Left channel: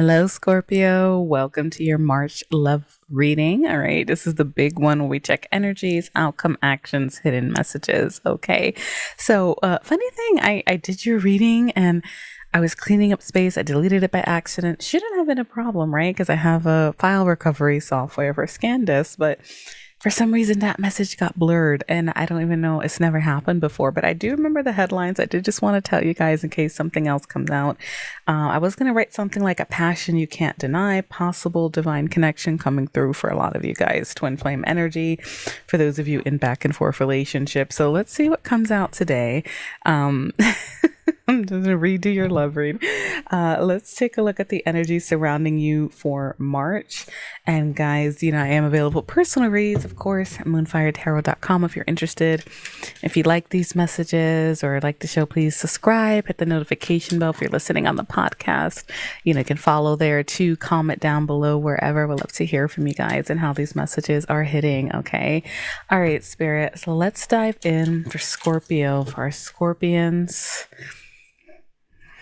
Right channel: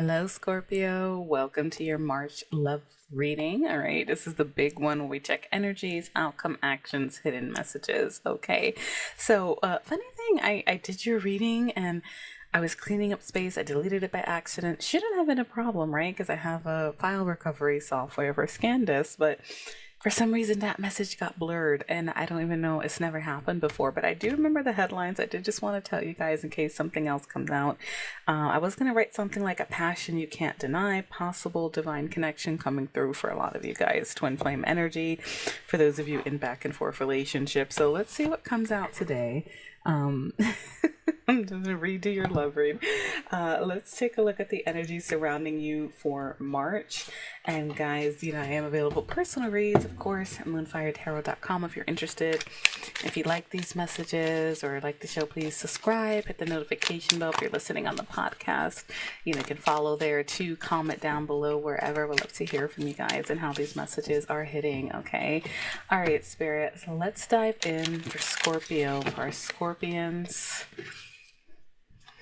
Hello, Scorpio. Welcome to your March love reading. All right. This is the big one where we check energies, outcome, actions, hidden messages. Okay. So, funny thing, I did your reading and I was cleaning up space. I deleted it by accident. Shouldn't have been a problem, right? Because I have a file recovery software for ScanDisk, but for some reason that message got blurred and I don't even know, it's never happened before, but I do remember the headlines. I did just want to tell you guys in case something else comes out. I was going to write something like a passion you can't deny, possible divine connection coming through for a lot of you guys, twin flame energy for those of you in back and forth relationships. So let's see what comes out today. I'm just gonna redo your love read. Let's take a look at the energy surrounding you for March. And guys, I am available personal reads, of course, at moonfiretarot.com if you're interested. If you like these messages or like the show, please subscribe, hit the notification bell if you're listening on the podcast. You can follow there too, comment down below wherever. We'd love to hear from you guys and how these messages are hitting, okay? All right, Spirit. So let's dive in for Scorpio, for our Scorpions.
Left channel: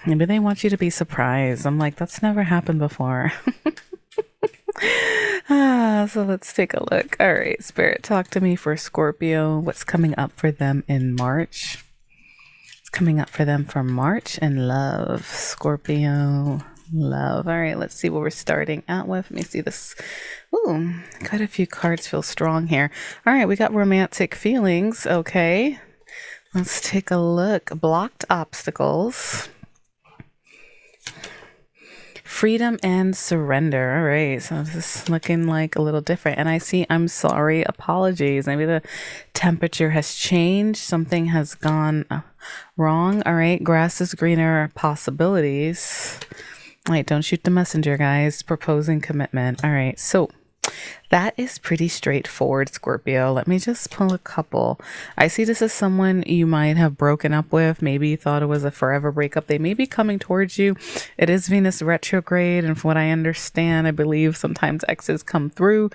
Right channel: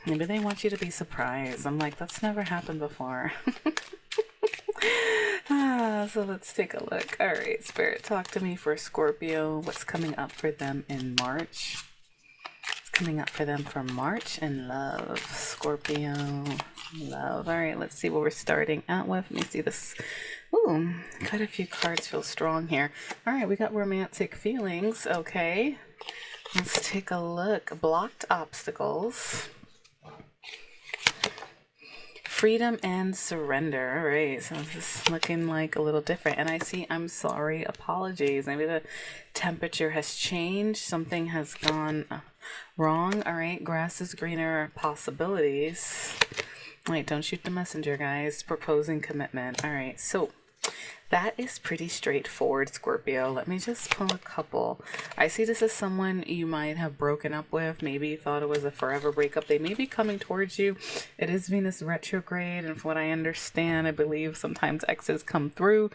Maybe they want you to be surprised. I'm like, that's never happened before. So let's take a look. All right, Spirit, talk to me for Scorpio. What's coming up for them in March? What's coming up for them for March and love? Scorpio, love. All right, let's see what we're starting out with. Let me see this. Ooh, quite a few cards feel strong here. All right, we got romantic feelings. Okay, let's take a look. Blocked obstacles. Freedom and surrender. All right, so this is looking like a little different. And I see I'm sorry, apologies. Maybe the temperature has changed. Something has gone wrong. All right, grass is greener, possibilities. All right, don't shoot the messenger, guys. Proposing commitment. All right, so that is pretty straightforward, Scorpio. Let me just pull a couple. I see this as someone you might have broken up with. Maybe you thought it was a forever breakup. They may be coming towards you. It is Venus retrograde. And from what I understand, I believe sometimes exes come through.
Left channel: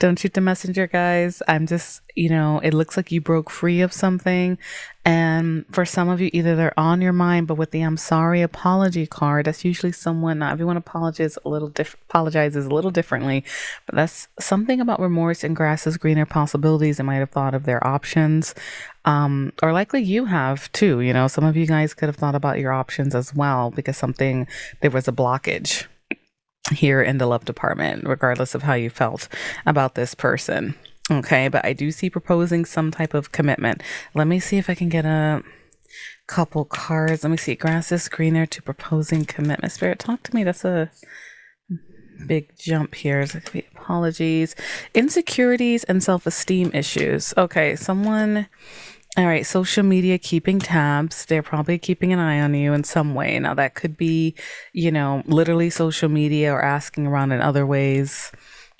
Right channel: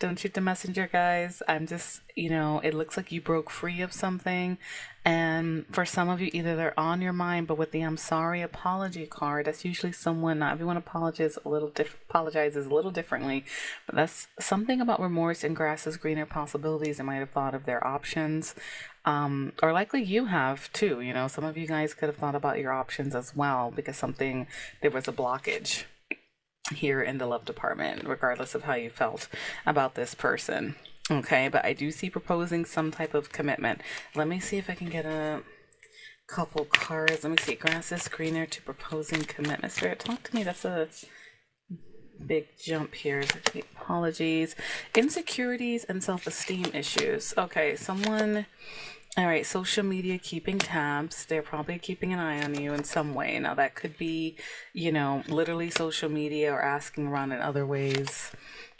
Don't shoot the messenger, guys. I'm just, it looks like you broke free of something. And for some of you, either they're on your mind, but with the I'm sorry apology card, that's usually someone, not everyone apologizes a little differently, but that's something about remorse and grass is greener possibilities. They might have thought of their options, or likely you have too. Some of you guys could have thought about your options as well because there was a blockage here in the love department, regardless of how you felt about this person. Okay, but I do see proposing some type of commitment. Let me see if I can get a couple cards. Let me see. Grass is greener to proposing commitment. Spirit, talk to me. That's a big jump here. Apologies. Insecurities and self-esteem issues. Okay, all right, social media keeping tabs. They're probably keeping an eye on you in some way. Now, that could be, literally social media or asking around in other ways.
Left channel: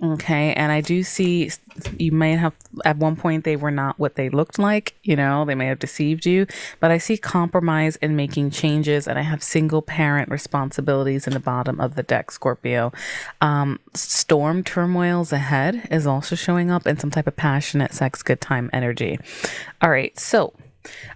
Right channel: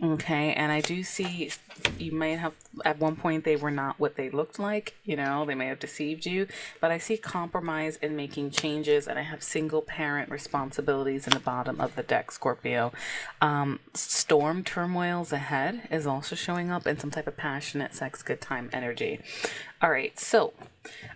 Okay, and I do see you may have, at one point, they were not what they looked like. They may have deceived you. But I see compromise in making changes, and I have single parent responsibilities in the bottom of the deck, Scorpio. Storm turmoils ahead is also showing up, and some type of passionate sex, good time energy. All right, so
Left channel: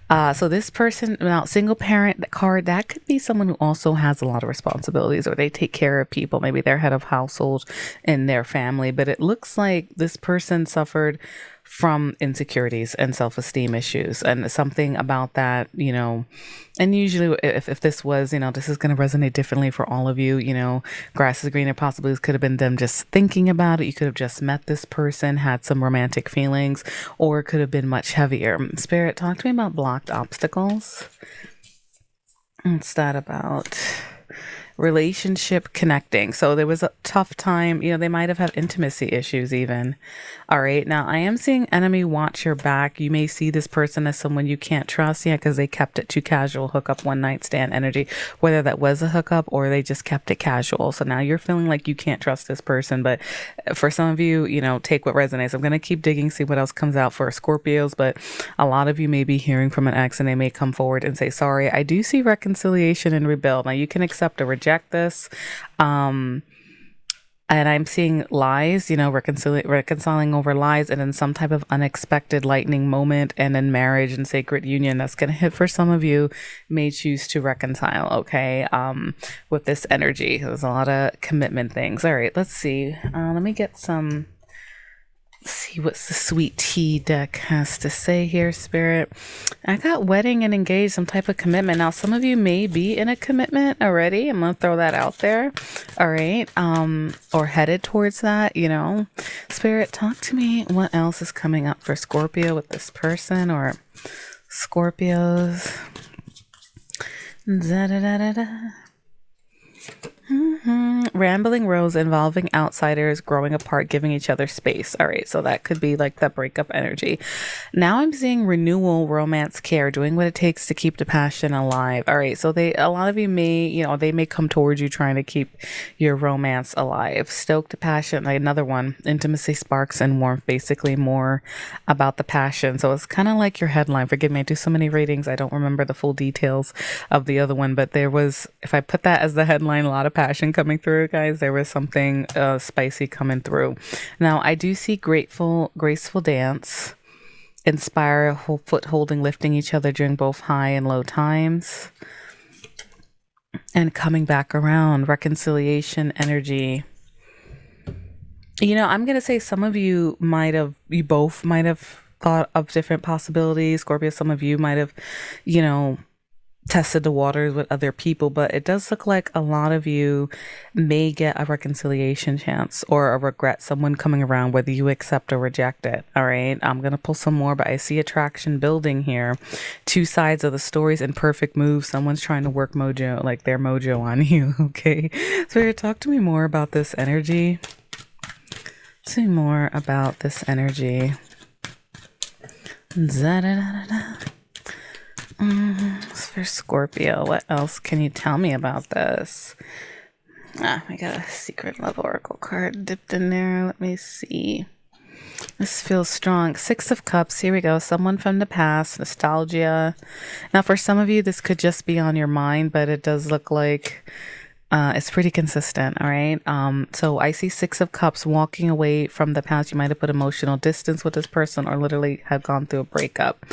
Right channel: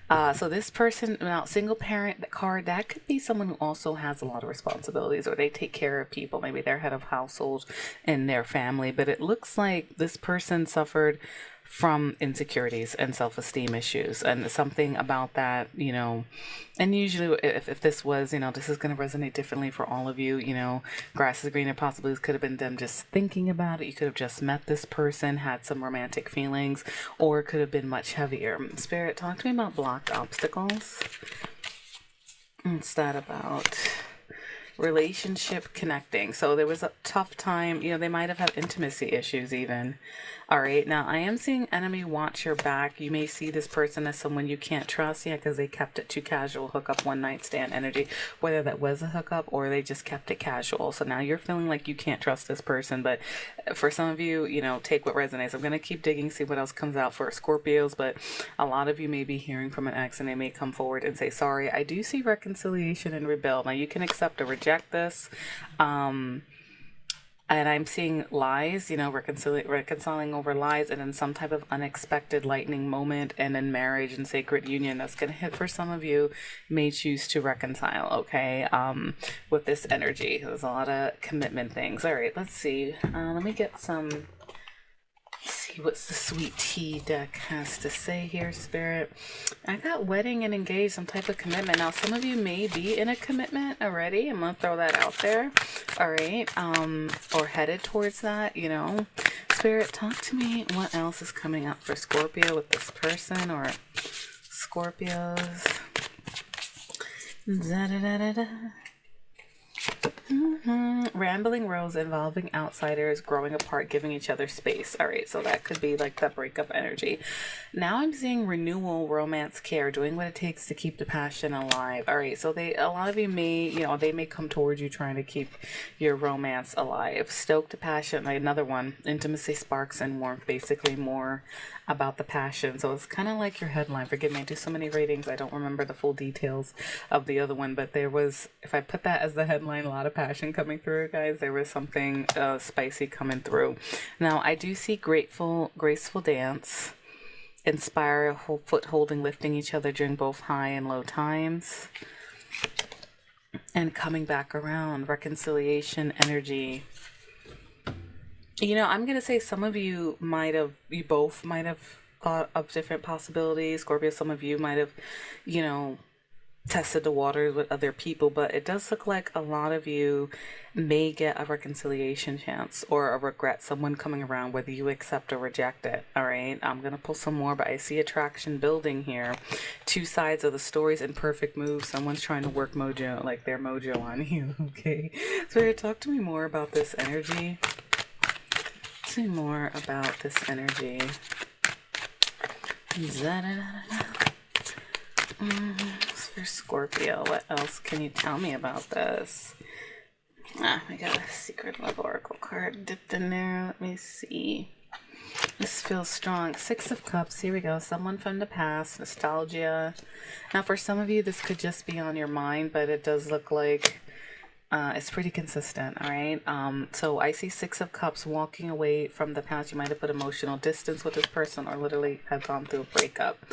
this person, now single parent card, that could be someone who also has a lot of responsibilities or they take care of people. Maybe they're head of household in their family, but it looks like this person suffered from insecurities and self-esteem issues and something about that, and usually if this was, this is going to resonate differently for all of you, grass is greener possibilities could have been them just thinking about it. You could have just met this person, had some romantic feelings, or it could have been much heavier. Spirit, talk to me about blocked obstacles. What's that about? Relationship connecting. So there was a tough time, they might have had intimacy issues even. All right, now I am seeing enemy watch your back. You may see this person as someone you can't trust yet because they kept it too casual, hookup, one night stand energy, whether that was a hookup or they just kept it casual. So now you're feeling like you can't trust this person. But for some of you, take what resonates. I'm going to keep digging, see what else comes out for Scorpios, but a lot of you may be hearing from an ex and they may come forward and say, sorry. I do see reconciliation and rebuild. Now you can accept or reject this. And I'm seeing lies, you know, reconciling over lies, and then some type of unexpected lightning moment, and then marriage and sacred union that's going to hit for some of you may choose to reconcile, okay, with this energy. There's a lot of commitment things. All right, let's see. Let me get some. See what's the sweet tea deck has to say here, Spirit. I got wedding and engaged, some type of commitment. Now, some of you may be in a commitment already. I'm gonna throw that out there. All right, or headed towards that. You know, Spirit, talk to me. What else is coming up for Scorpio with this person or Scorpios? Da da da da da. Rambling rows involving outsiders, growing apart, giving each other space. All right, so that could be like the breakup energy. Now I'm seeing renewal, romance, care, doing what it takes to keep the passion alive. All right, so a lot of you may, you know, they may come towards you trying to keep your romance alive. Stoke the passion, like another one, intimacy, sparks, and warmth, basically more about the passion. So it's kind of like your headline. Forgive me, I do so many readings, I don't remember the full details of the other one, but there was, if I put that as the headline, a lot of passion coming through, guys. There was something spicy coming through. Now I do see graceful dance, inspire, foot holding, lifting each other during both high and low times, and coming back around, reconciliation energy. You know, I'm gonna say some of you both might have thought of different possibilities. Scorpio, some of you might have, you know, tested the waters with other people, but it does look like a lot of you may get a reconciliation chance or a regret, someone coming around, whether you accept or reject it. All right, I'm gonna pull some more, but I see attraction building here. Two sides of the stories in perfect moves. Someone's trying to work mojo, like their mojo on you. Okay, so talk to me more about this energy. Tell me more about this energy. For Scorpio, what else can you tell me about this? We got a secret love oracle card dipped in there. Let me see. This feels strong. Six of Cups. Here we go. Someone from the past. Nostalgia. Now, for some of you, this could just be on your mind, but it does look like it's pretty consistent. All right. So I see Six of Cups, walking away from the past. You might have put emotional distance with this person or literally have gone through a breakup.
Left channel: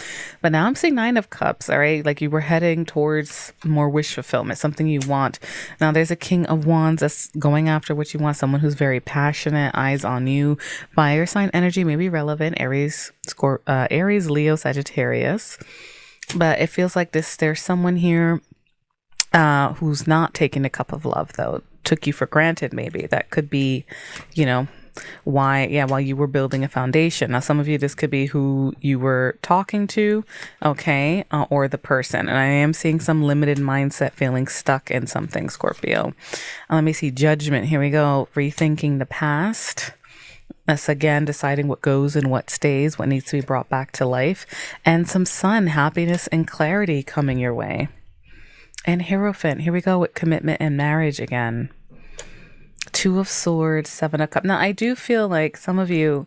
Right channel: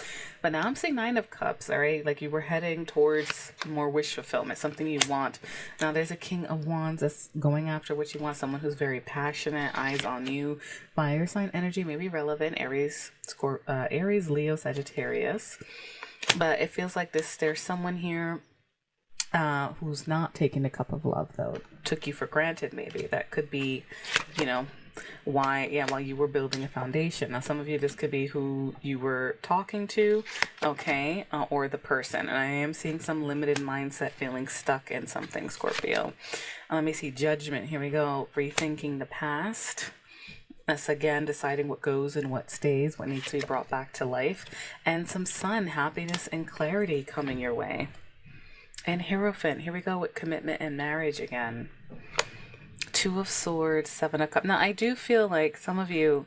But now I'm seeing Nine of Cups. All right. Like you were heading towards more wish fulfillment, something you want. Now there's a King of Wands that's going after what you want. Someone who's very passionate, eyes on you. Fire sign energy may be relevant. Aries, Leo, Sagittarius. But it feels like there's someone here who's not taking a cup of love, though, took you for granted. Maybe that could be, you know, while you were building a foundation. Now, some of you, this could be who you were talking to, okay, or the person. And I am seeing some limited mindset, feeling stuck in something, Scorpio. Let me see, Judgment. Here we go. Rethinking the past. That's again deciding what goes and what stays, what needs to be brought back to life. And some Sun, happiness and clarity coming your way. And Hierophant, here we go with commitment and marriage again. Two of Swords, Seven of Cups. Now, I do feel like some of you,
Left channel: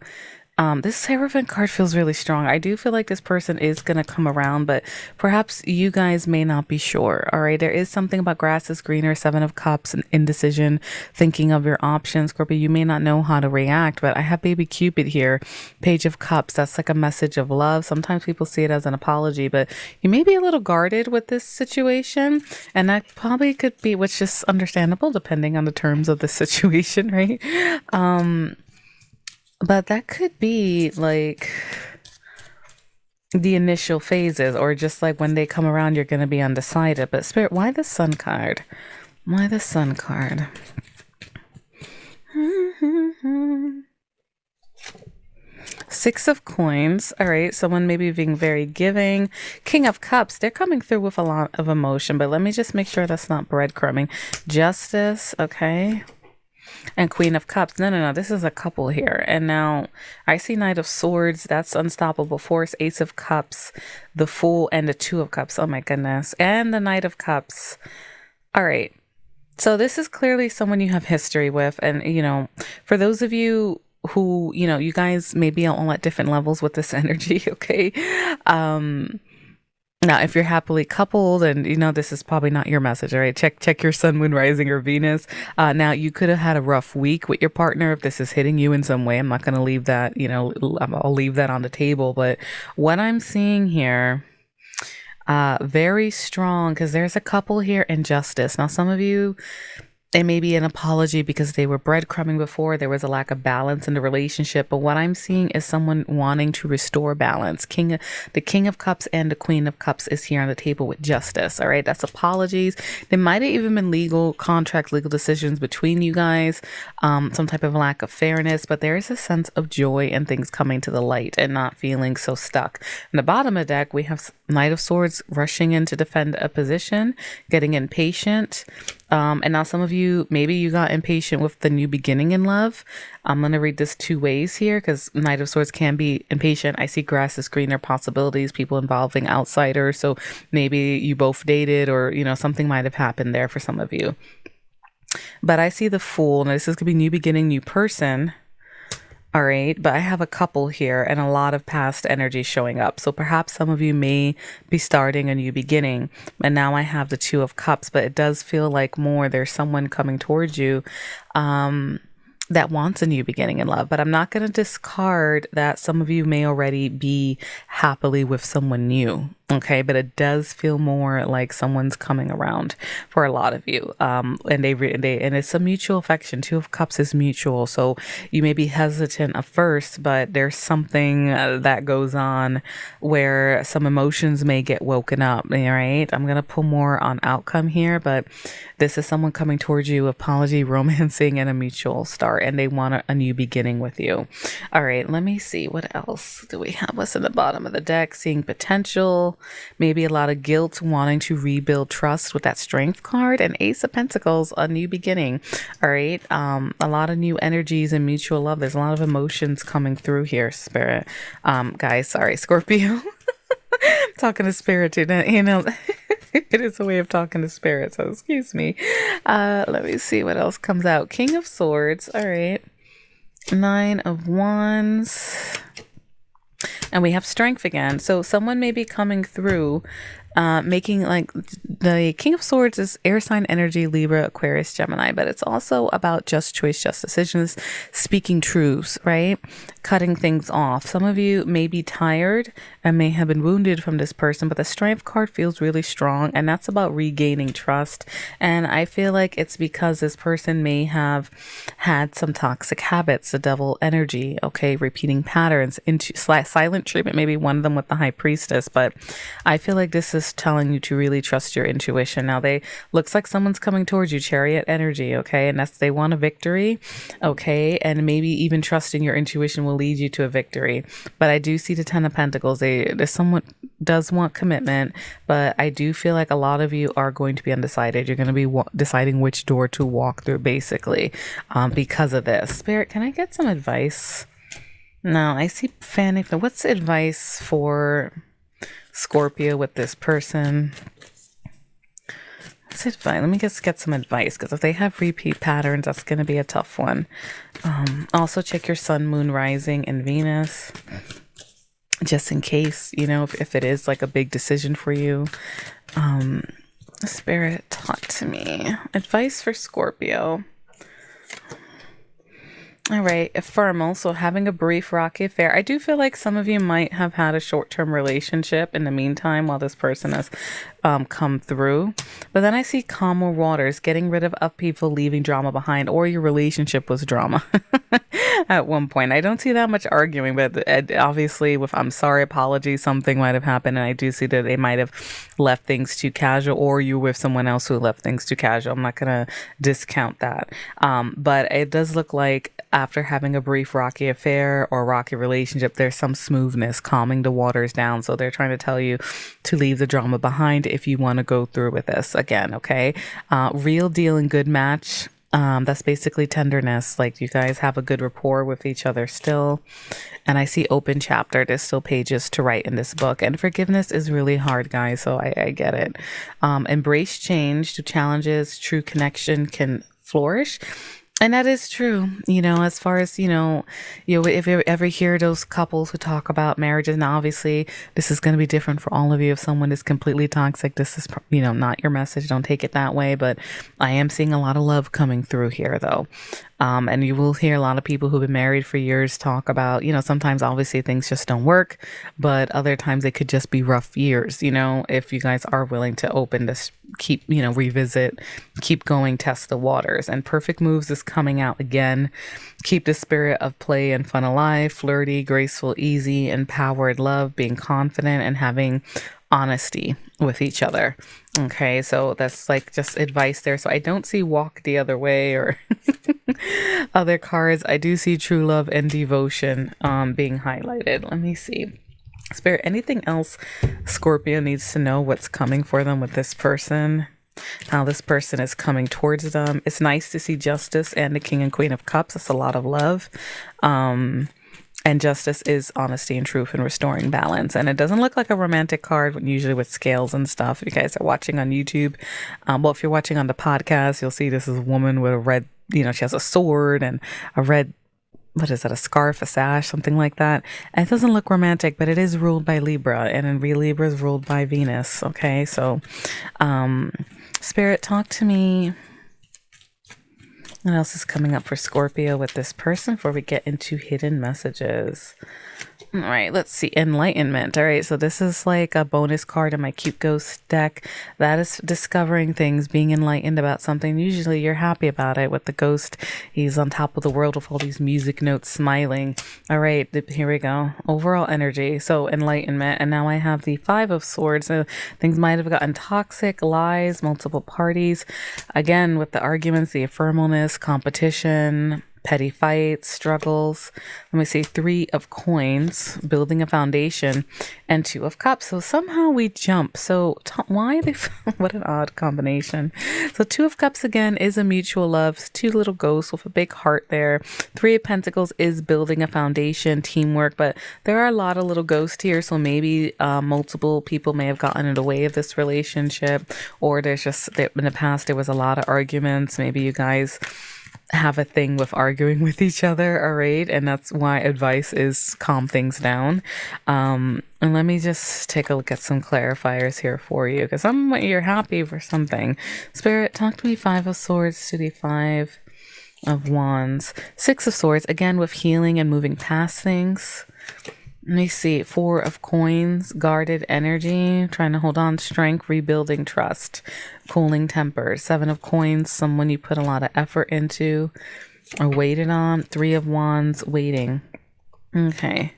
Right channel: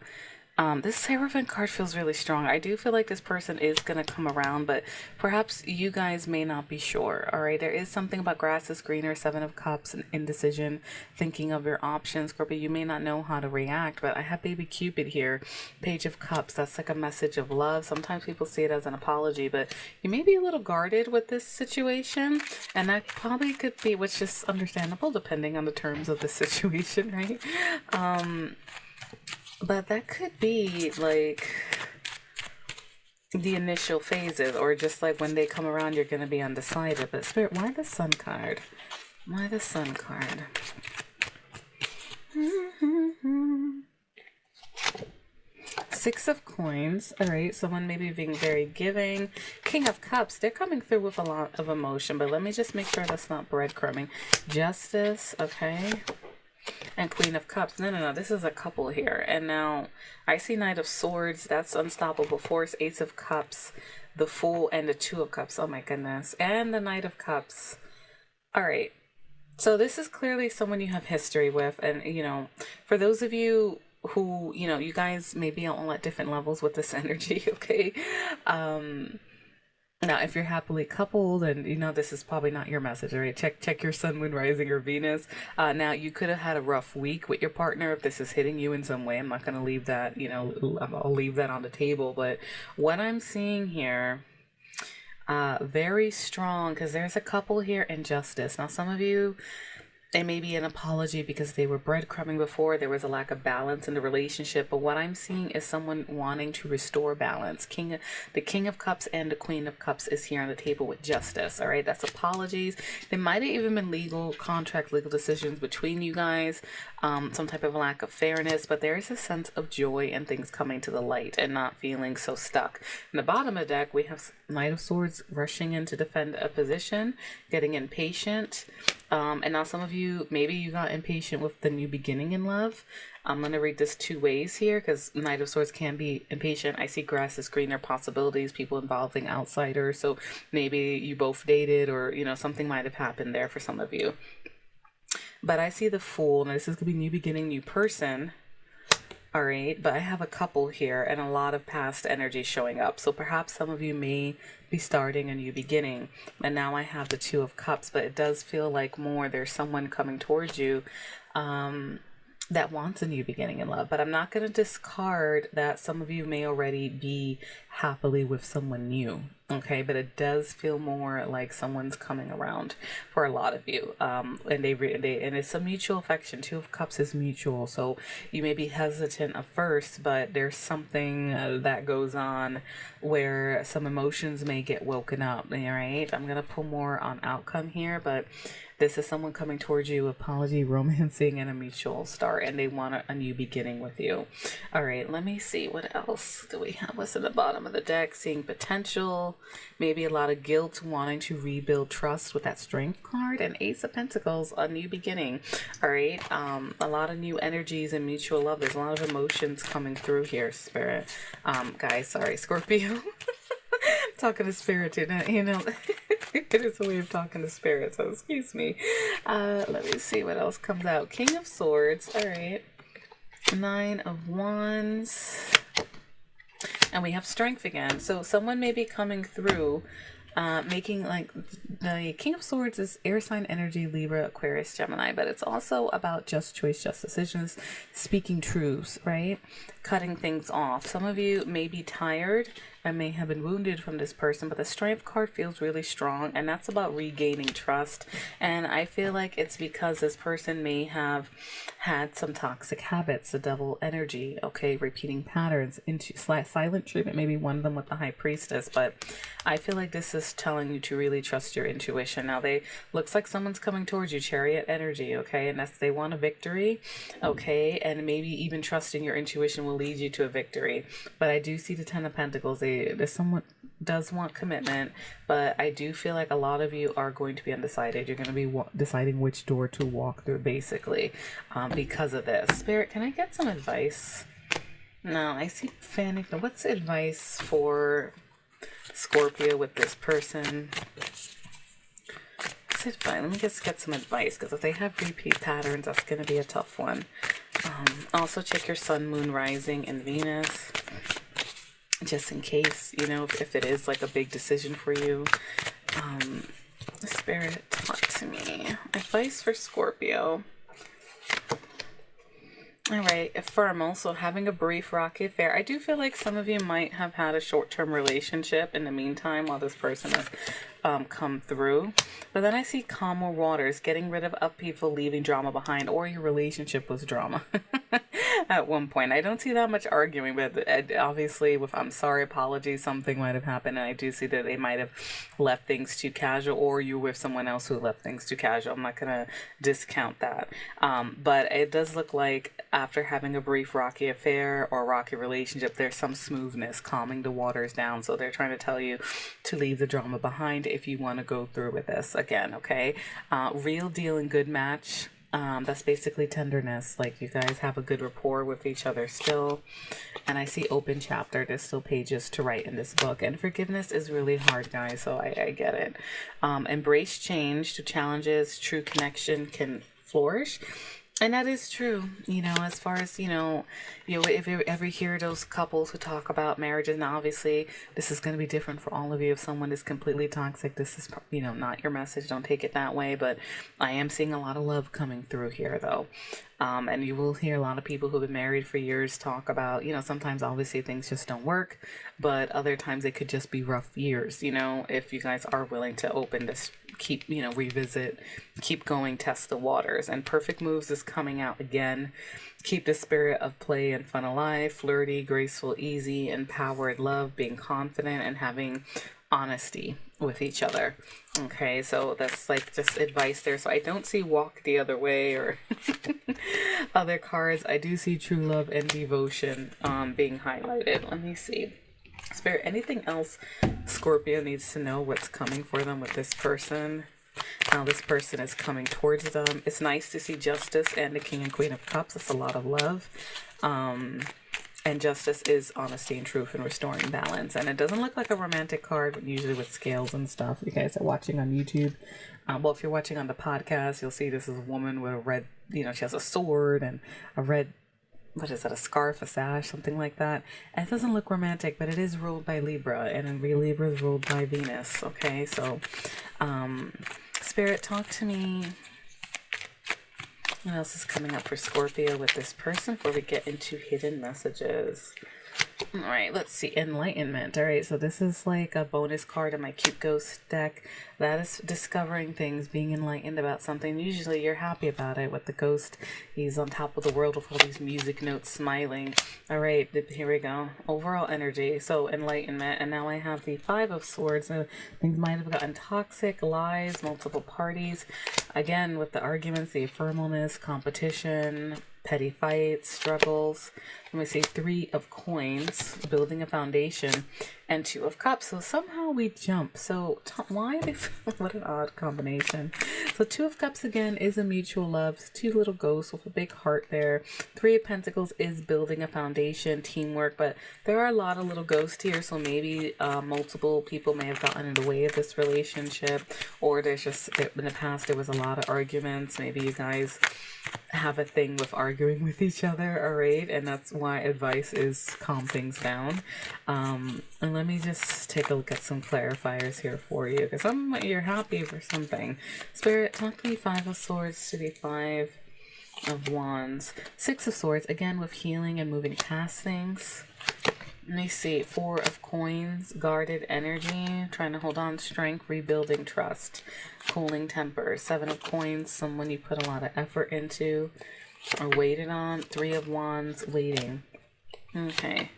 this Hierophant card feels really strong. I do feel like this person is going to come around, but perhaps you guys may not be sure. All right, there is something about grass is greener, Seven of Cups, and indecision, thinking of your options. Scorpio, you may not know how to react, but I have Baby Cupid here, Page of Cups. That's like a message of love. Sometimes people see it as an apology, but you may be a little guarded with this situation, and that probably could be, which is understandable depending on the terms of the situation, right? But that could be like the initial phases, or just like when they come around, you're going to be undecided. But Spirit, why the Sun card? Why the Sun card? Six of Coins. All right, someone maybe being very giving. King of Cups. They're coming through with a lot of emotion, but let me just make sure that's not breadcrumbing. Justice. Okay. And Queen of Cups. No. This is a couple here. And now I see Knight of Swords. That's unstoppable force. Ace of Cups. The Fool and the Two of Cups. Oh my goodness. And the Knight of Cups. All right. So this is clearly someone you have history with. And, you know, for those of you who, you know, you guys may be on at different levels with this energy, okay? Now, if you're happily coupled, and you know this is probably not your message, all right? Check your sun, moon, rising, or Venus. Now, you could have had a rough week with your partner if this is hitting you in some way. I'm not going to leave that, I'll leave that on the table. But what I'm seeing here, very strong, because there's a couple here in justice. Now, some of you, it may be an apology because they were breadcrumbing before. There was a lack of balance in the relationship. But what I'm seeing is someone wanting to restore balance. The King of Cups and the Queen of Cups is here on the table with justice. All right. That's apologies. There might have even been legal decisions between you guys, some type of lack of fairness. But there is a sense of joy and things coming to the light and not feeling so stuck. In the bottom of the deck, we have Knight of Swords rushing in to defend a position, getting impatient. And now some of you, maybe you got impatient with the new beginning in love. I'm going to read this two ways here because Knight of Swords can be impatient. I see grass is greener possibilities, people involving outsiders. So maybe you both dated or, something might have happened there for some of you. But I see the Fool. Now this is going to be new beginning, new person. All right, but I have a couple here and a lot of past energy showing up. So perhaps some of you may be starting a new beginning. And now I have the Two of Cups, but it does feel like there's someone coming towards you that wants a new beginning in love. But I'm not going to discard that some of you may already be happily with someone new. Okay, but it does feel more like someone's coming around for a lot of you, and it's a mutual affection. Two of Cups is mutual, so you may be hesitant at first, but there's something that goes on where some emotions may get woken up. All right, I'm gonna pull more on outcome here, but this is someone coming towards you, apology, romancing, and a mutual start, and they want a new beginning with you. All right, let me see what else do we have. What's in the bottom of the deck? Seeing potential. Maybe a lot of guilt, wanting to rebuild trust with that Strength card, and Ace of Pentacles, a new beginning. All right. A lot of new energies and mutual love. There's a lot of emotions coming through here, Spirit. Guys, sorry, Scorpio. Talking to Spirit, it is a way of talking to Spirit, so excuse me. Let me see what else comes out. King of Swords. All right. Nine of Wands. And we have Strength again. So someone may be coming through, making like the King of Swords is air sign energy, Libra, Aquarius, Gemini, but it's also about just choice, just decisions, speaking truths, right? Cutting things off. Some of you may be tired and may have been wounded from this person, but the Strength card feels really strong, and that's about regaining trust. And I feel like it's because this person may have had some toxic habits, the devil energy, okay, repeating patterns, into silent treatment, maybe one of them with the High Priestess, but I feel like this is telling you to really trust your intuition. Now looks like someone's coming towards you, Chariot energy, okay, and they want a victory, okay, and maybe even trusting your intuition will lead you to a victory. But I do see the Ten of Pentacles. Someone does want commitment, but I do feel like a lot of you are going to be undecided. You're going to be deciding which door to walk through, basically, because of this. Spirit, can I get some advice? No, I see panic. What's advice for Scorpio with this person? What's advice? Let me just get some advice, because if they have repeat patterns, that's going to be a tough one. Also, check your sun, moon, rising, and Venus, just in case, if it is like a big decision for you. Spirit, talk to me. Advice for Scorpio. All right, ephemeral. So having a brief rocky affair. I do feel like some of you might have had a short-term relationship in the meantime while this person has come through. But then I see calmer waters, getting rid of upheaval, leaving drama behind, or your relationship was drama at one point. I don't see that much arguing, but obviously with I'm sorry, apology, something might have happened. And I do see that they might have left things too casual, or you with someone else who left things too casual. I'm not going to discount that. But it does look like after having a brief rocky affair or rocky relationship, there's some smoothness, calming the waters down. So they're trying to tell you to leave the drama behind if you want to go through with this again. Okay. Real deal and good match. That's basically tenderness. Like you guys have a good rapport with each other still. And I see open chapter. There's still pages to write in this book. And forgiveness is really hard, guys. So I get it. Embrace change to challenges. True connection can flourish. And that is true. As far as, if you ever hear those couples who talk about marriages, now obviously this is going to be different for all of you. If someone is completely toxic, this is, not your message. Don't take it that way. But I am seeing a lot of love coming through here, though. And you will hear a lot of people who've been married for years talk about, sometimes obviously things just don't work, but other times it could just be rough years, if you guys are willing to open this, keep, revisit, keep going, test the waters. And perfect moves is coming out again. Keep the spirit of play and fun alive, flirty, graceful, easy, empowered love, being confident and having honesty with each other. Okay, so that's like just advice there. So I don't see walk the other way or other cards. I do see true love and devotion being highlighted. Let me see. Spirit, anything else Scorpio needs to know what's coming for them with this person? How this person is coming towards them. It's nice to see Justice and the King and Queen of Cups. That's a lot of love. And Justice is honesty and truth and restoring balance. And it doesn't look like a romantic card, but usually with scales and stuff. If you guys are watching on YouTube, well, if you're watching on the podcast, you'll see this is a woman with a red, she has a sword and a red, what is that, a scarf, a sash, something like that. And it doesn't look romantic, but it is ruled by Libra, and in Libra is ruled by Venus. Okay, so Spirit, talk to me. What else is coming up for Scorpio with this person before we get into hidden messages? All right, let's see. Enlightenment. All right, so this is like a bonus card in my Cute Ghost deck. That is discovering things, being enlightened about something. Usually you're happy about it. With the ghost, he's on top of the world with all these music notes, smiling. All right, here we go. Overall energy. So enlightenment. And now I have the Five of Swords. So things might have gotten toxic, lies, multiple parties. Again, with the arguments, the ephemeralness, competition, petty fights, struggles. Let me see, Three of Coins, building a foundation, and Two of Cups. So somehow we jump. So why they? What an odd combination. So Two of Cups again is a mutual love. Two little ghosts with a big heart there. Three of Pentacles is building a foundation, teamwork. But there are a lot of little ghosts here. So maybe multiple people may have gotten in the way of this relationship, or there's just in the past there was a lot of arguments. Maybe you guys have a thing with arguing with each other, all right? And that's why advice is calm things down. And let me just take a look at some clarifiers here for you, because you're happy for something. Spirit, talk to me. Five of Swords to the Five of Wands. Six of Swords, again with healing and moving past things. Let me see. Four of Coins, guarded energy, trying to hold on, strength, rebuilding trust, cooling temper. Seven of Coins, someone you put a lot of effort into or waited on. Three of Wands, waiting. Okay.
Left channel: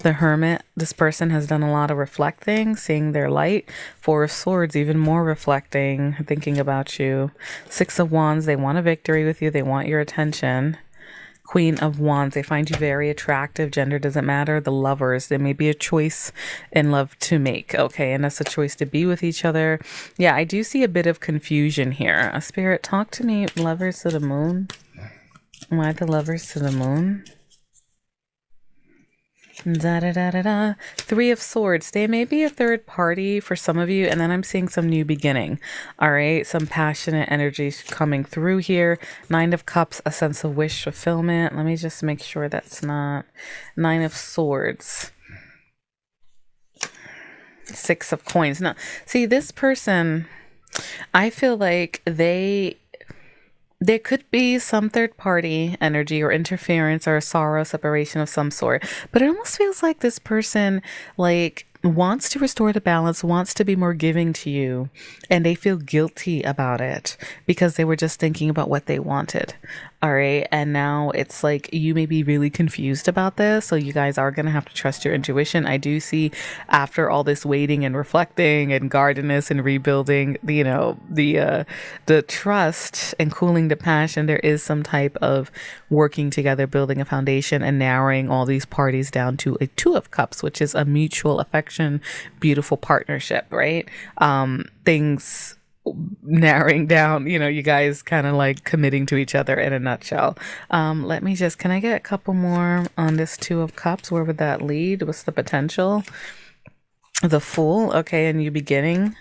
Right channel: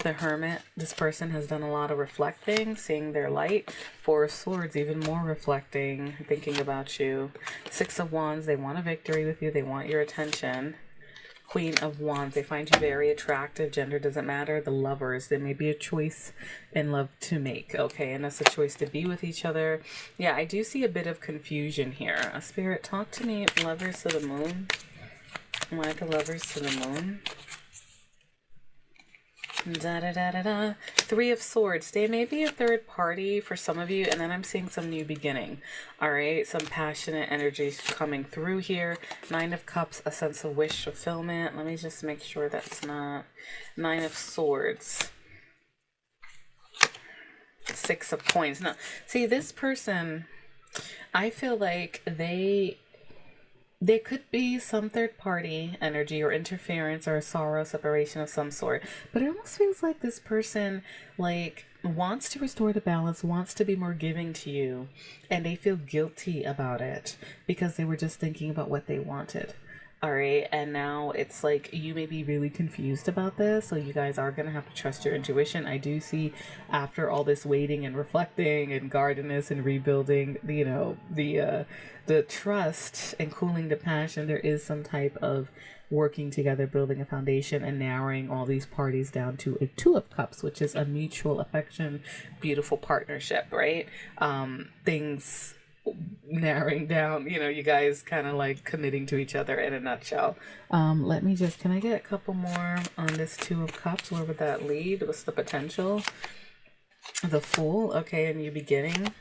The Hermit, this person has done a lot of reflecting, seeing their light. Four of Swords, even more reflecting, thinking about you. Six of Wands, they want a victory with you. They want your attention. Queen of Wands, they find you very attractive. Gender doesn't matter. The Lovers, there may be a choice in love to make. Okay, and that's a choice to be with each other. Yeah, I do see a bit of confusion here. A Spirit, talk to me. Lovers to the Moon. Why the Lovers to the Moon? Da da da da da. Three of Swords. They may be a third party for some of you, and then I'm seeing some new beginning. All right, some passionate energy coming through here. Nine of Cups, a sense of wish fulfillment. Let me just make sure that's not Nine of Swords. Six of Coins. No, see, this person, I feel like there could be some third party energy or interference or a sorrow, separation of some sort. But it almost feels like this person wants to restore the balance, wants to be more giving to you, and they feel guilty about it because they were just thinking about what they wanted. All right. And now it's like you may be really confused about this. So you guys are going to have to trust your intuition. I do see after all this waiting and reflecting and guardedness and rebuilding, the trust and cooling the passion, there is some type of working together, building a foundation and narrowing all these parties down to a Two of Cups, which is a mutual affection, beautiful partnership, right? Things narrowing down, you guys kind of like committing to each other in a nutshell. Can I get a couple more on this Two of Cups? Where would that lead? What's the potential? The Fool. Okay, a new beginning.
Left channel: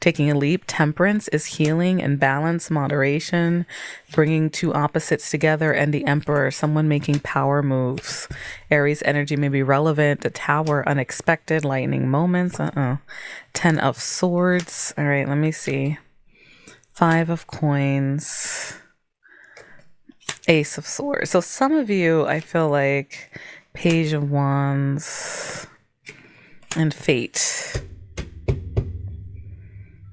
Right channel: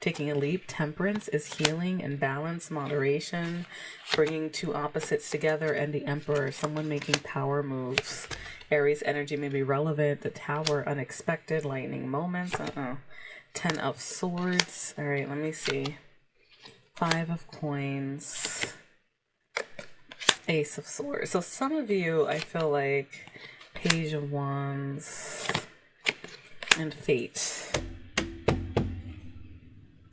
taking a leap. Temperance is healing and balance, moderation, bringing two opposites together. And the Emperor, someone making power moves. Aries energy may be relevant. The Tower, unexpected, lightning moments. 10 of Swords. All right, let me see. 5 of Coins. Ace of Swords. So some of you, I feel like Page of Wands and Fate.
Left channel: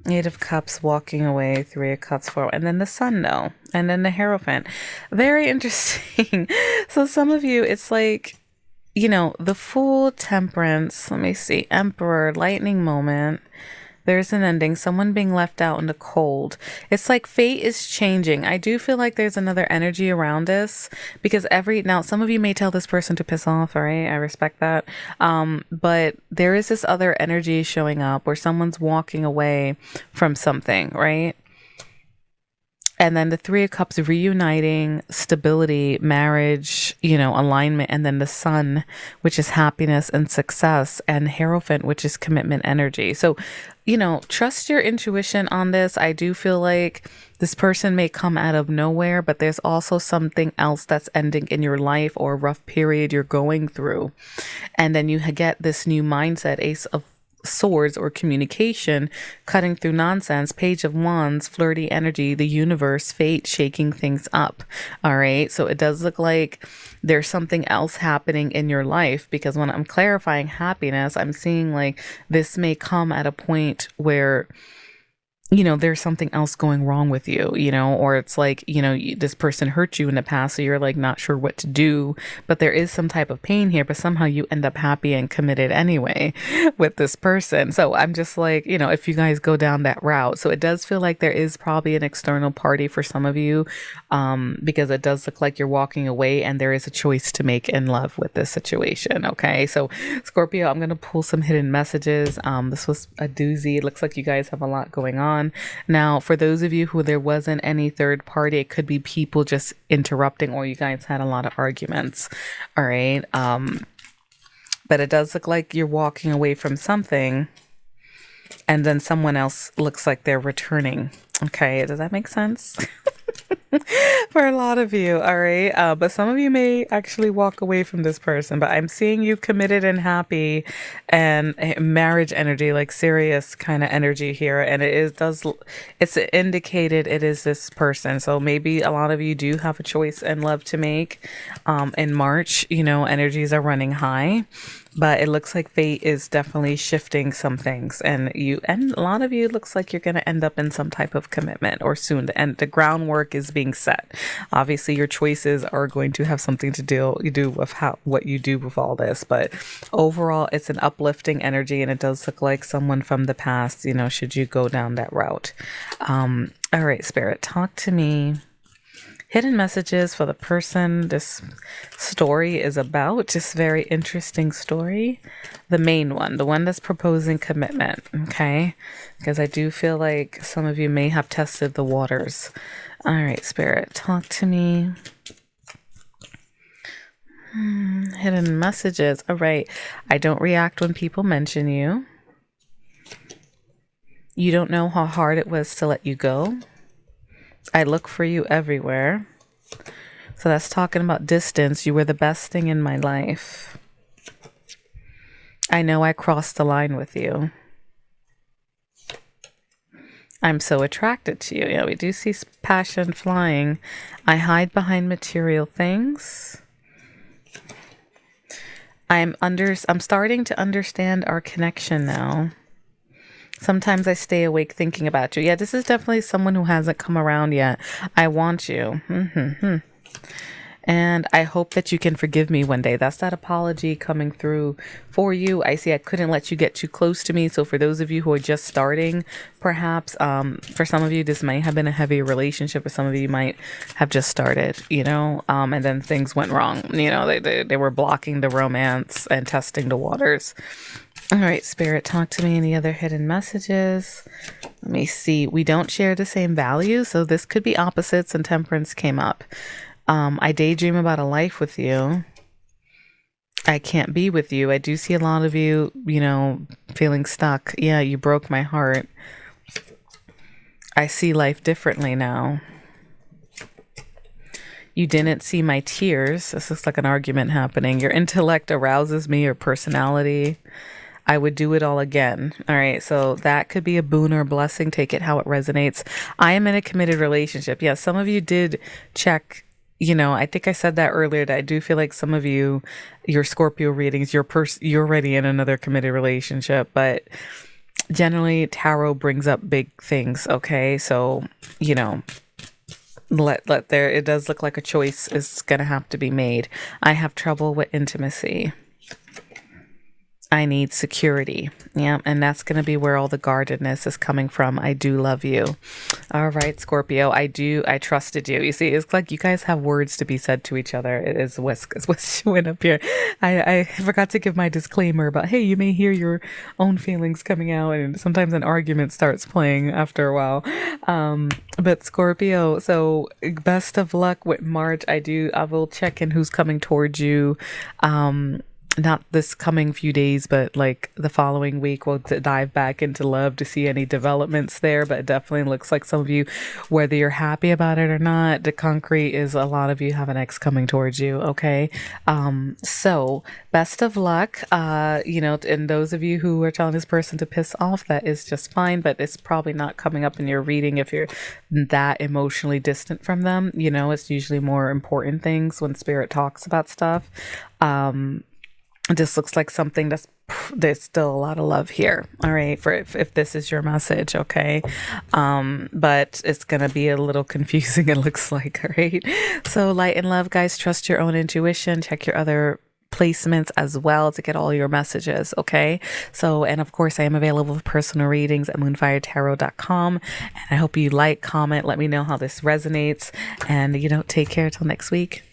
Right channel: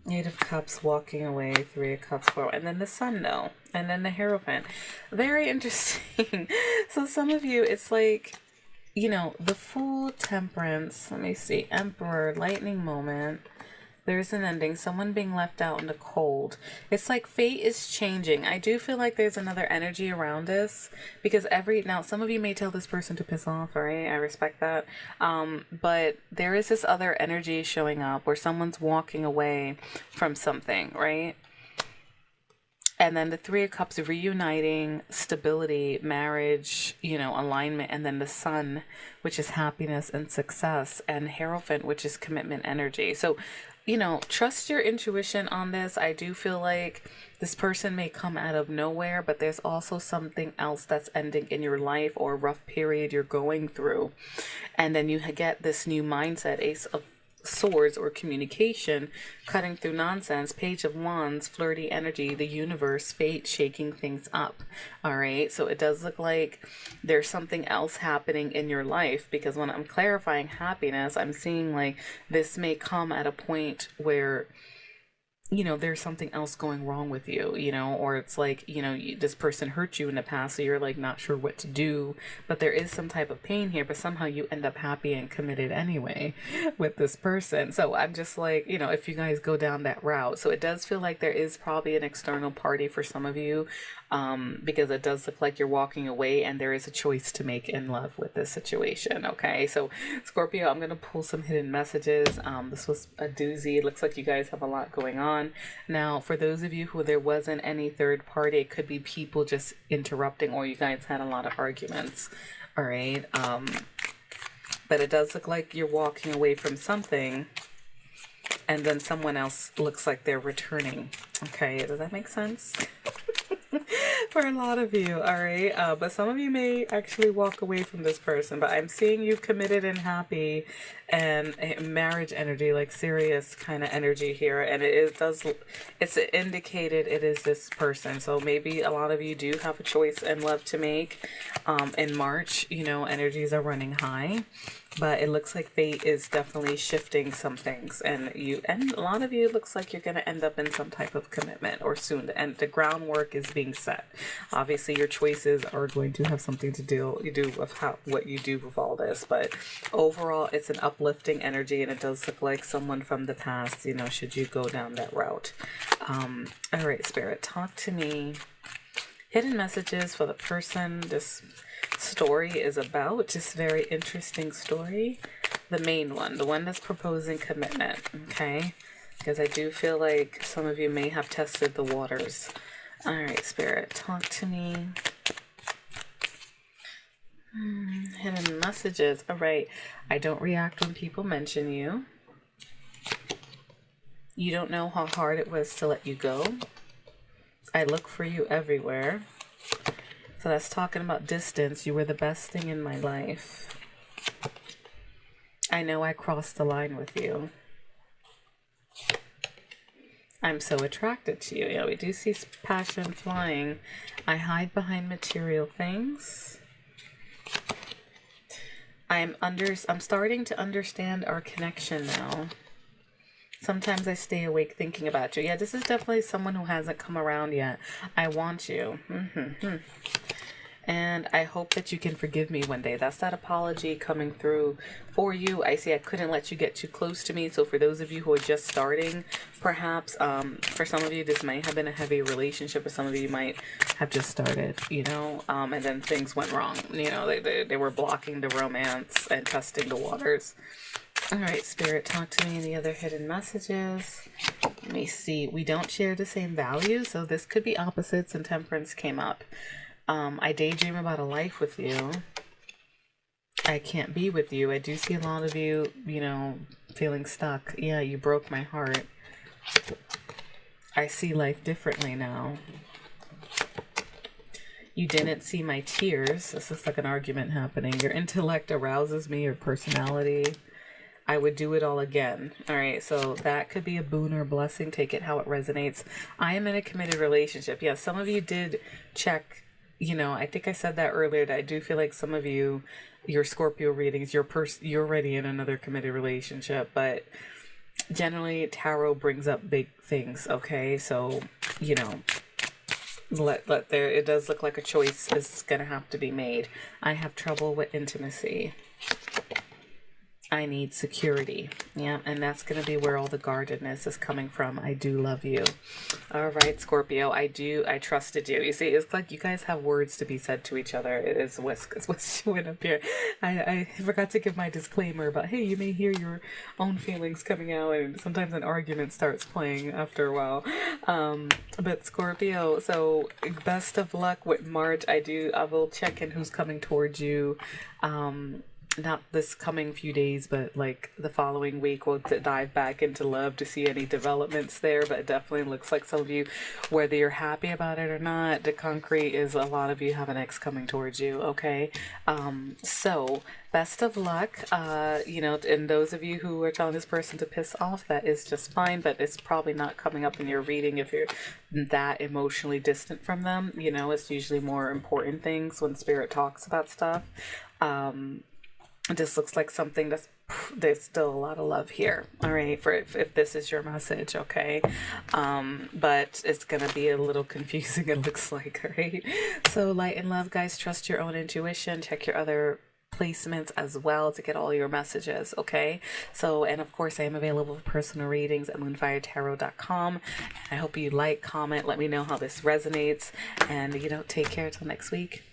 8 of Cups, walking away. 3 of Cups, 4. And then the Sun, no. And then the Hierophant. Very interesting. So some of you, it's like, you know, the Fool, Temperance. Let me see. Emperor, lightning moment. There's an ending. Someone being left out in the cold. It's like fate is changing. I do feel like there's another energy around this because now some of you may tell this person to piss off, all right? I respect that. But there is this other energy showing up where someone's walking away from something, right? And then the 3 of Cups, reuniting, stability, marriage, you know, alignment. And then the Sun, which is happiness and success. And Hierophant, which is commitment energy. So, you know, trust your intuition on this. I do feel like this person may come out of nowhere, but there's also something else that's ending in your life or a rough period you're going through. And then you get this new mindset, Ace of Swords or communication, cutting through nonsense. Page of Wands, flirty energy, the universe, fate, shaking things up. All right, so it does look like there's something else happening in your life, because when I'm clarifying happiness, I'm seeing like this may come at a point where, you know, there's something else going wrong with you, you know, or it's like, you know, this person hurt you in the past, so you're like not sure what to do, but there is some type of pain here, but somehow you end up happy and committed anyway with this person. So I'm just like, you know, if you guys go down that route, so it does feel like there is probably an external party for some of you, because it does look like you're walking away and there is a choice to make in love with this situation. Okay, so Scorpio, I'm going to pull some hidden messages. This was a doozy. It looks like you guys have a lot going on. Now, for those of you who there wasn't any third party, it could be people just interrupting, or you guys had a lot of arguments. All right. But it does look like you're walking away from something, and then someone else looks like they're returning. Okay. Does that make sense? For a lot of you, all right? But some of you may actually walk away from this person, but I'm seeing you committed and happy, and marriage energy, like serious kind of energy here. And it's indicated it is this person. So maybe a lot of you do have a choice in love to make. In March, you know, energies are running high. But it looks like fate is definitely shifting some things, and a lot of you, looks like you're going to end up in some type of commitment or soon, and the groundwork is being set. Obviously, your choices are going to have something to do with what you do with all this, but overall, it's an uplifting energy, and it does look like someone from the past, you know, should you go down that route. All right, Spirit, talk to me. Hidden messages for the person this story is about. Just very interesting story. The main one, the one that's proposing commitment, okay? Because I do feel like some of you may have tested the waters. All right, Spirit, talk to me. Hidden messages. All right. I don't react when people mention you. You don't know how hard it was to let you go. I look for you everywhere. So that's talking about distance. You were the best thing in my life. I know I crossed the line with you. I'm so attracted to you. Yeah, we do see passion flying. I hide behind material things. I'm starting to understand our connection now. Sometimes I stay awake thinking about you. Yeah, this is definitely someone who hasn't come around yet. I want you. And I hope that you can forgive me one day. That's that apology coming through for you. I see I couldn't let you get too close to me. So for those of you who are just starting, perhaps, for some of you, this might have been a heavy relationship, or some of you might have just started, you know, and then things went wrong. You know, they were blocking the romance and testing the waters. All right, Spirit, talk to me. Any other hidden messages? Let me see. We don't share the same values, so this could be opposites, and Temperance came up. I daydream about a life with you. I can't be with you. I do see a lot of you, you know, feeling stuck. Yeah, you broke my heart. I see life differently now. You didn't see my tears. This looks like an argument happening. Your intellect arouses me, your personality. I would do it all again. All right. So that could be a boon or a blessing. Take it how it resonates. I am in a committed relationship. Yeah. Some of you did check, I think I said that earlier, that I do feel like some of you, your Scorpio readings, you're already in another committed relationship, but generally tarot brings up big things. Okay. So, let there, it does look like a choice is going to have to be made. I have trouble with intimacy. I need security. Yeah, and that's going to be where all the guardedness is coming from. I do love you. All right, Scorpio. I trusted you. You see, it's like you guys have words to be said to each other. It is what's showing up here. I forgot to give my disclaimer about, hey, you may hear your own feelings coming out, and sometimes an argument starts playing after a while. But Scorpio, so best of luck with March. I will check in who's coming towards you. Not this coming few days, but like the following week, we'll dive back into love to see any developments there. But it definitely looks like some of you, whether you're happy about it or not, the concrete is a lot of you have an ex coming towards you. Okay. So best of luck. And those of you who are telling this person to piss off, that is just fine, but it's probably not coming up in your reading if you're that emotionally distant from them. It's usually more important things when spirit talks about stuff. This looks like something there's still a lot of love here. All right. For if this is your message. Okay. But it's going to be a little confusing. It looks like, all right. So light and love, guys, trust your own intuition, check your other placements as well to get all your messages. Okay. So, and of course I am available for personal readings at moonfiretarot.com. And I hope you like, comment, let me know how this resonates, and take care till next week.